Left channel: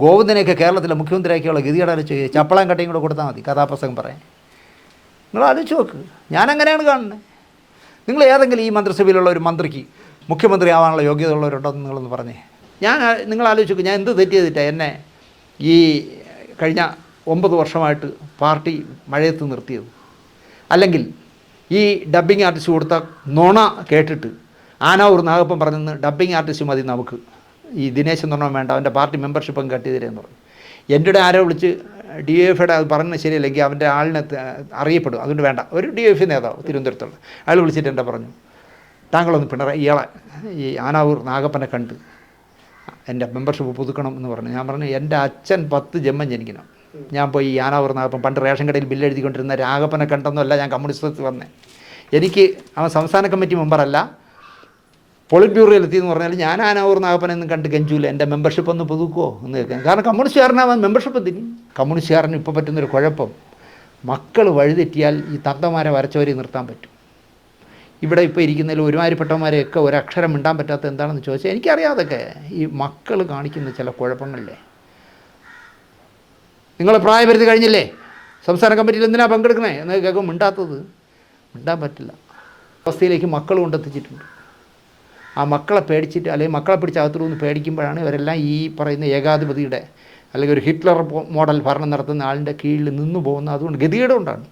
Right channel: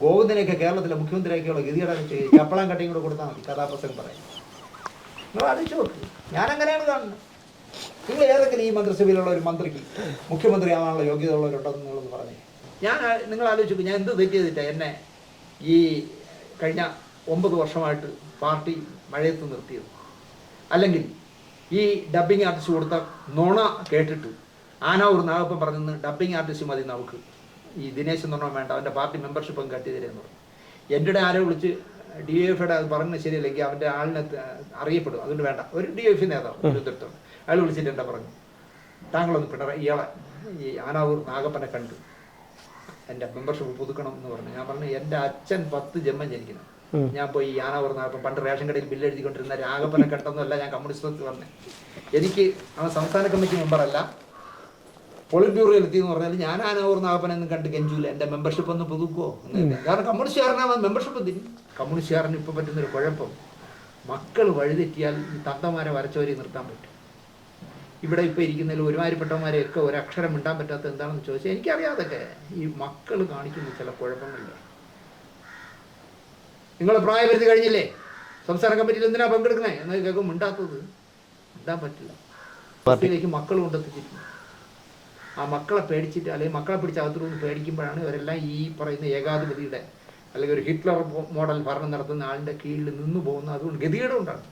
ഗോവിന്ദനെയൊക്കെ കേരളത്തിലെ മുഖ്യമന്ത്രിയാക്കിയുള്ള ഗതികേട് ചപ്പളം കട്ടയും കൂടെ കൊടുത്താൽ മതി കഥാപ്രസംഗം പറയാൻ. നിങ്ങൾ ആലോചിച്ച് നോക്ക്. ഞാനങ്ങനെയാണ് കാണുന്നത്. നിങ്ങൾ ഏതെങ്കിലും ഈ മന്ത്രിസഭയിലുള്ള ഒരു മന്ത്രിക്ക് മുഖ്യമന്ത്രി ആവാനുള്ള യോഗ്യത ഉള്ളവരുണ്ടോയെന്ന് നിങ്ങളൊന്ന് പറഞ്ഞേ. നിങ്ങൾ ആലോചിച്ച് നോക്ക്, ഞാൻ എന്ത് തെറ്റ് ചെയ്തിട്ടാണ് എന്നെ ഈ കഴിഞ്ഞ 9 വർഷമായിട്ട് പാർട്ടി മഴയത്ത് നിർത്തിയത്? അല്ലെങ്കിൽ ഈ ഡബ്ബിങ് ആർട്ടിസ്റ്റ് കൊടുത്ത നുണ കേട്ടിട്ട് ആനാവൂർ നാഗപ്പൻ പറഞ്ഞെന്ന് ഡബ്ബിങ് ആർട്ടിസ്റ്റ് മതി നമുക്ക്, ഈ ദിനേശ് എന്ന് പറഞ്ഞാൽ വേണ്ട, അവൻ്റെ പാർട്ടി മെമ്പർഷിപ്പും കട്ട് ചെയ്തിരെന്ന് പറഞ്ഞു. എൻ്റെ ആരോ വിളിച്ച് DFIയുടെ അത് പറഞ്ഞത് ശരിയല്ലെങ്കിൽ അവൻ്റെ ആളിനെ അറിയപ്പെടും, അതുകൊണ്ട് വേണ്ട. ഒരു DFI നേതാവ് തിരുവനന്തപുരത്തുള്ള അയാൾ വിളിച്ചിട്ട് എൻ്റെ പറഞ്ഞു, താങ്കളൊന്ന് പിണറായി ഇയാളെ ഈ ആനാവൂർ നാഗപ്പനെ കണ്ട് എൻ്റെ മെമ്പർഷിപ്പ് പുതുക്കണം എന്ന് പറഞ്ഞു. ഞാൻ പറഞ്ഞു, എൻ്റെ അച്ഛൻ 10 ജന്മം ജനിക്കണം, ഞാൻ പോയി ഈ ആനാവൂർ നാഗപ്പൻ പണ്ട് റേഷൻ കടയിൽ ബില്ല് എഴുതിക്കൊണ്ടിരുന്ന രാഘപ്പനെ കണ്ടെന്നല്ല ഞാൻ കമ്മ്യൂണിസ്റ്റത്തിൽ വന്നേ. എനിക്ക് അവൻ സംസ്ഥാന കമ്മിറ്റി മെമ്പറല്ല, പോളിറ്റ് ബ്യൂറോയിൽ എത്തിയെന്ന് പറഞ്ഞാൽ ഞാൻ ആനാവൂർ നാഗപ്പനെന്നും കണ്ട് കെഞ്ചൂല, എൻ്റെ മെമ്പർഷിപ്പ് ഒന്ന് പുതുക്കുമോ എന്ന് കരുതി. കാരണം കമ്മ്യൂണിസ്റ്റുകാരനാവാൻ മെമ്പർഷിപ്പ് എന്തിന്? കമ്മ്യൂണിസ്റ്റുകാരന് ഇപ്പോൾ പറ്റുന്നൊരു കുഴപ്പം, മക്കൾ വഴിതെറ്റിയാൽ ഈ തന്തമാരെ വരച്ചവരെ നിർത്താൻ പറ്റും. ഇവിടെ ഇപ്പോൾ ഇരിക്കുന്നതിൽ ഒരുമാതിരിപ്പെട്ടവന്മാരെയൊക്കെ ഒരക്ഷരം മിണ്ടാൻ പറ്റാത്ത എന്താണെന്ന് ചോദിച്ചാൽ എനിക്കറിയാതൊക്കെ ഈ മക്കൾ കാണിക്കുന്ന ചില കുഴപ്പങ്ങളില്ലേ. നിങ്ങൾ പ്രായപരിധി കഴിഞ്ഞില്ലേ, സംസ്ഥാന കമ്മിറ്റിയിൽ എന്തിനാണ് പങ്കെടുക്കണേ എന്ന് കേൾക്കും മിണ്ടാത്തത്. മിണ്ടാൻ പറ്റില്ല. അവസ്ഥയിലേക്ക് മക്കൾ കൊണ്ടെത്തിച്ചിട്ടുണ്ട്. ആ മക്കളെ പേടിച്ചിട്ട് അല്ലെങ്കിൽ മക്കളെ പിടിച്ച് അകത്തുനിന്ന് പേടിക്കുമ്പോഴാണ് ഇവരെല്ലാം ഈ പറയുന്ന ഏകാധിപതിയുടെ അല്ലെങ്കിൽ ഒരു ഹിറ്റ്ലർ മോഡൽ ഭരണം നടത്തുന്ന ആളിൻ്റെ കീഴിൽ നിന്നു പോകുന്നത്. അതുകൊണ്ട് ഗതികേട് കൊണ്ടാണ്.